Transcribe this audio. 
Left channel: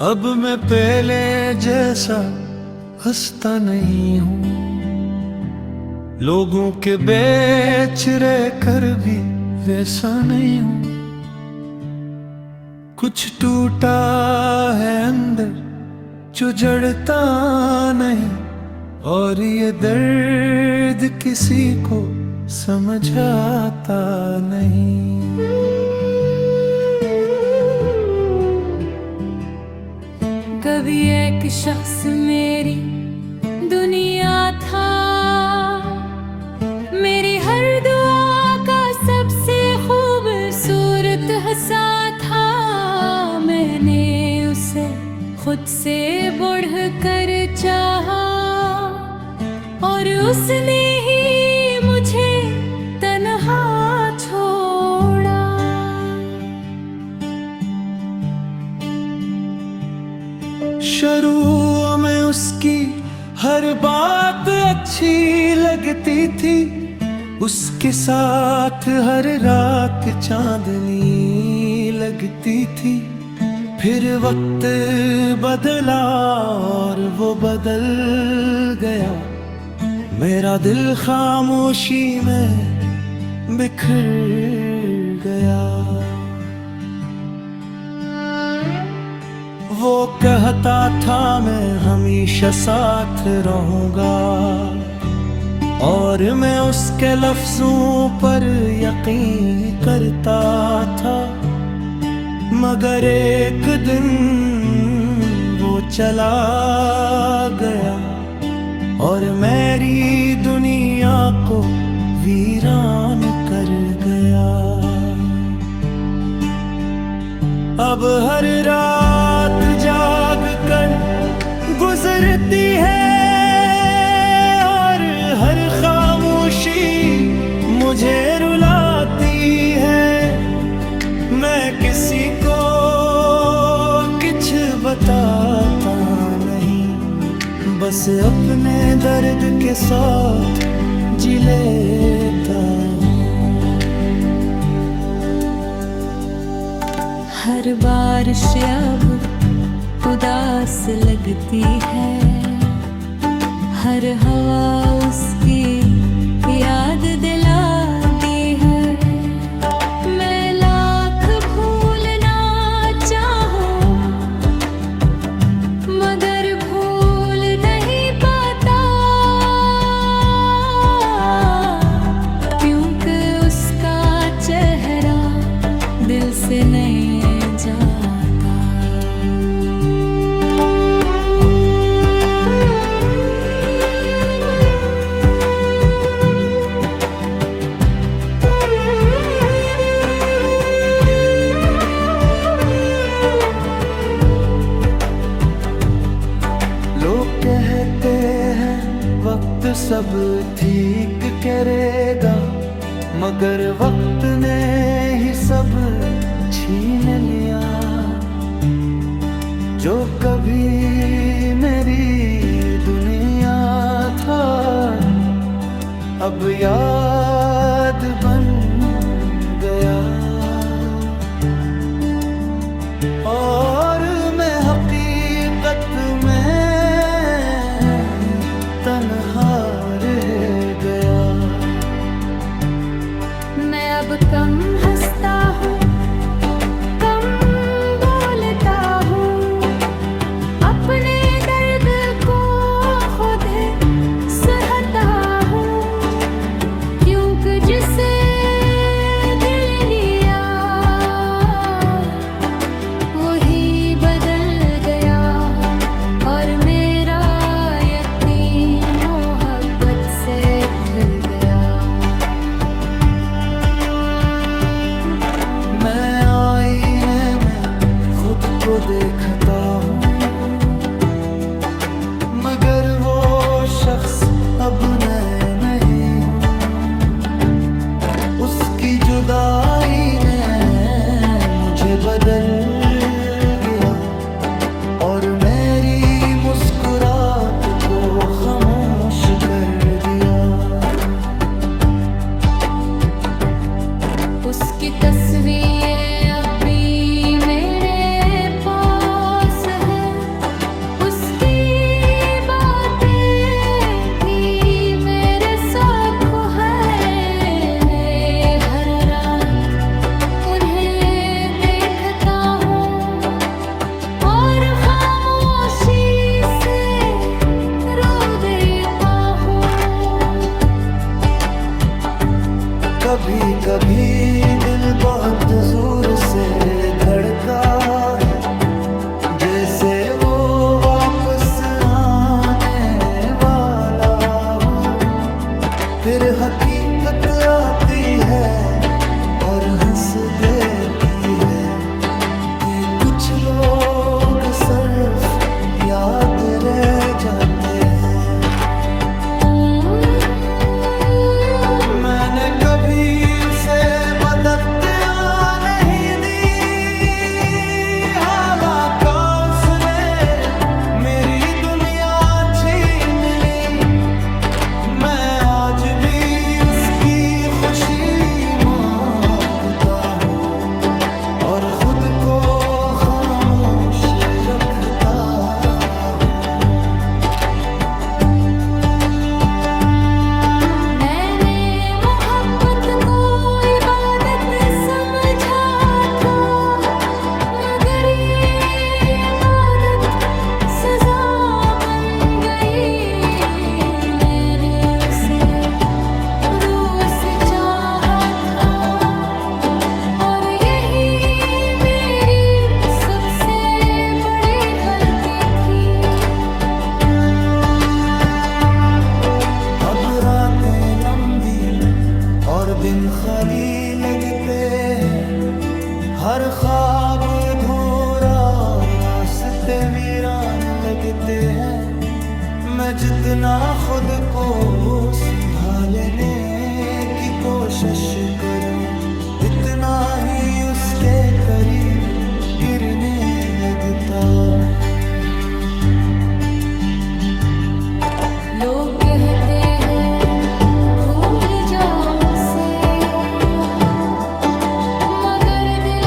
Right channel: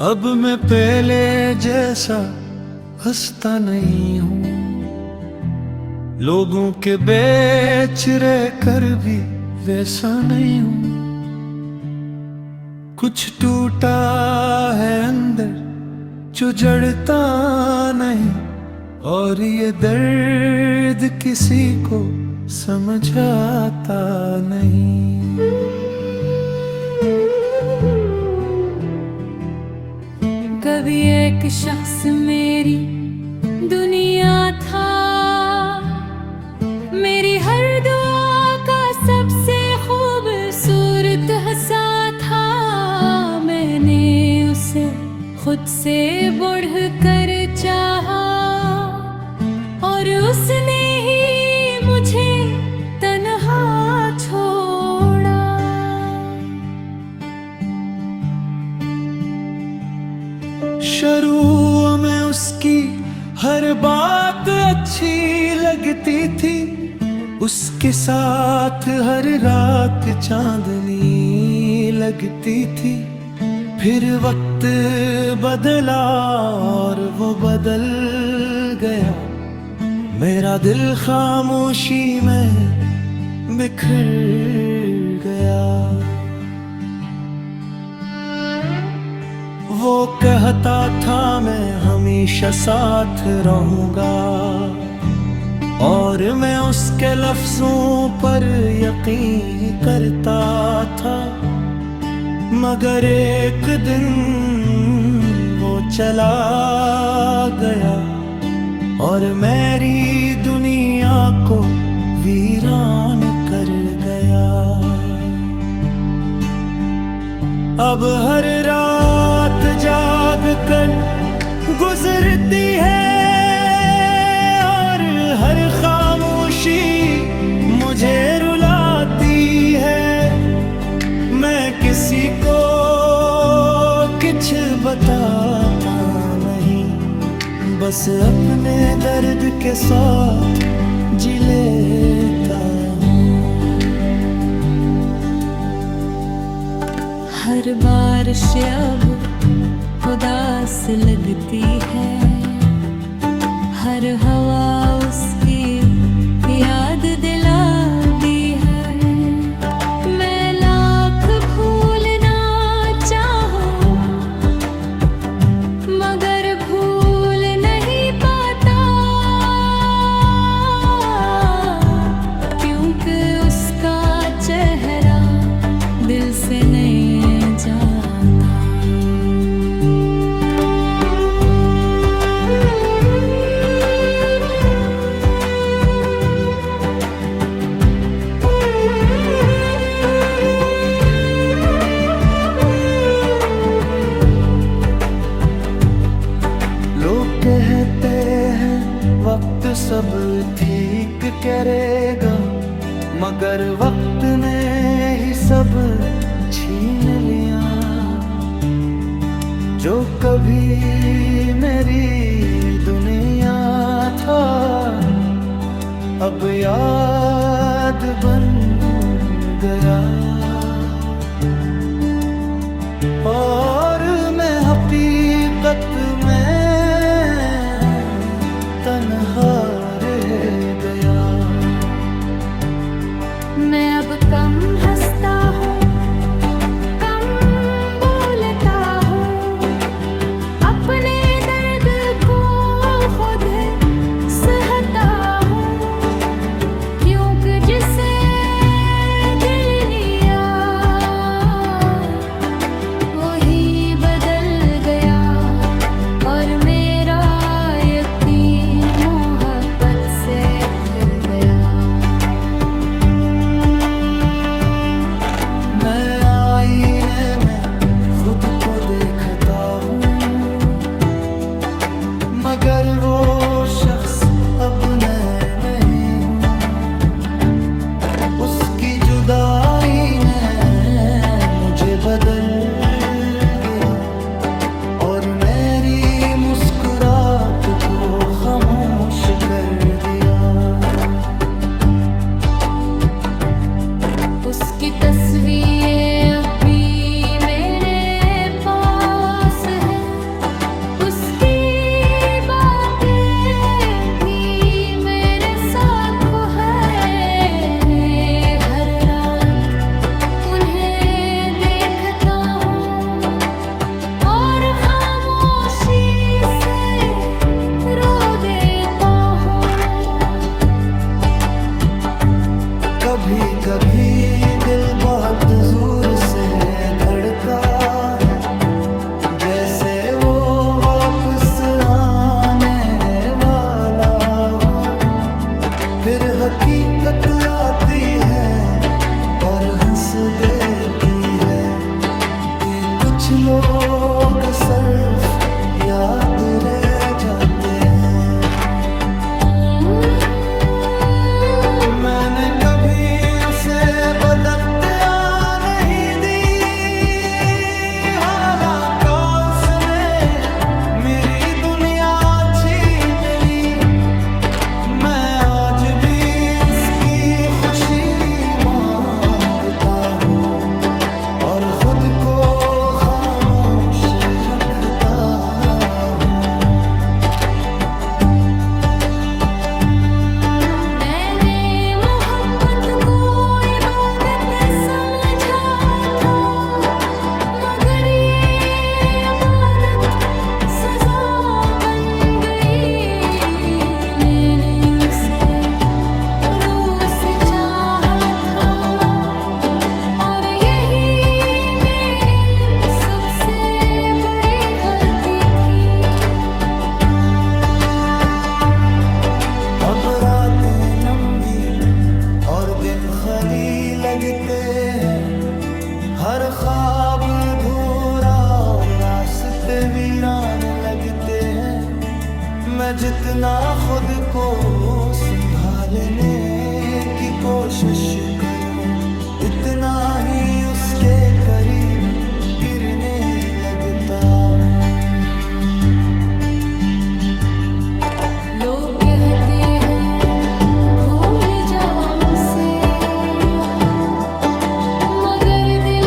अब मैं पहले जैसा हंसता नहीं हूँ, लोगों के बीच रह कर भी वैसा नहीं हूँ। कुछ टूटा है अंदर जो जड़ता नहीं, और ये दर्द किसी को समझ आता नहीं। कभी एक शख्स मेरी दुनिया था, मेरी हर दुआ का सबसे खूबसूरत हंसा था। मैंने उसे खुद से बढ़ कर चाहा, और उसने ही मुझे तन्हा छोड़ा। शुरू में उसकी हर बात अच्छी लगती थी, उसके साथ हर रात चांदनी लगती थी। फिर वक्त बदला और वो बदल गया, मेरा दिल खामोशी में बिखर गया। वो कहता था मैं हमेशा साथ रहूंगा, और मैं उसके लफ्जों पर यकीन करता था। मगर एक दिन वो चला गया, और मेरी दुनिया को वीरान कर गया। अब हर रात जाग कर गुजरती है, और हर खामोशी मुझे रुलाती है। मैं किसी को कुछ बताता नहीं, बस अपने दर्द के साथ जी लेता हूँ। हर बारिश अब उदास लगती है, हर हवा उसकी याद दिलाती है। मैं लाख भूलना चाहूं, मगर भूल नहीं पाता, क्योंकि उसका चेहरा दिल से नहीं जाता। लोग कहते हैं वक्त सब ठीक करेगा, मगर वक्त ने ही सब छीन लिया। जो कभी मेरी दुनिया था, अब याद बन गया, और मैं हकीकत में तन्हा रह गया। मैं अब कम हंसता हूँ, कम बोलता हूँ, अपने दर्द को खुद सहता हूँ, क्योंकि जिसे दिल लिया वही बदल गया, और मेरा यकीन मोहब्बत से उठ गया। मैं आईने में खुद को देखता हूँ, मगर वो शख्स अब मैं नहीं हूँ। उसकी जुदाई ने मुझे बदल गया, और मेरी मुस्कुराहट को खामोश कर दिया। उसकी तस्वीरें अब भी मेरे पास है, कभी कभी दिल बहुत जोर से धड़का है, जैसे वो वापस आने वाला हूँ। फिर हकीकत आती है और हंस देती है कि कुछ लोग सिर्फ याद रह जाते हैं। मैंने कभी उसे बदत्या नहीं दी, हालांकि उसने मेरी दुनिया छीन ली। मैं आज भी उसकी खुशी मांगता हूँ और खुद को खामोश रखता हूँ। मैंने मोहब्बत को इबादत समझा था, मगर ये इबादत सजा बन गई। मैंने उसे रूह से चाहा था और यही मेरी सबसे बड़ी गलती थी। अब रातें लंबी और दिन खाली लगते हैं, हर ख्वाब अधूरा और रास्ते वीरान लगते हैं। मैं जितना खुद को संभालने की कोशिश करूं, इतना ही उसके करीब गिरने लगता हूँ। लोग कहते हैं भूल जाओ उसे, मगर दिल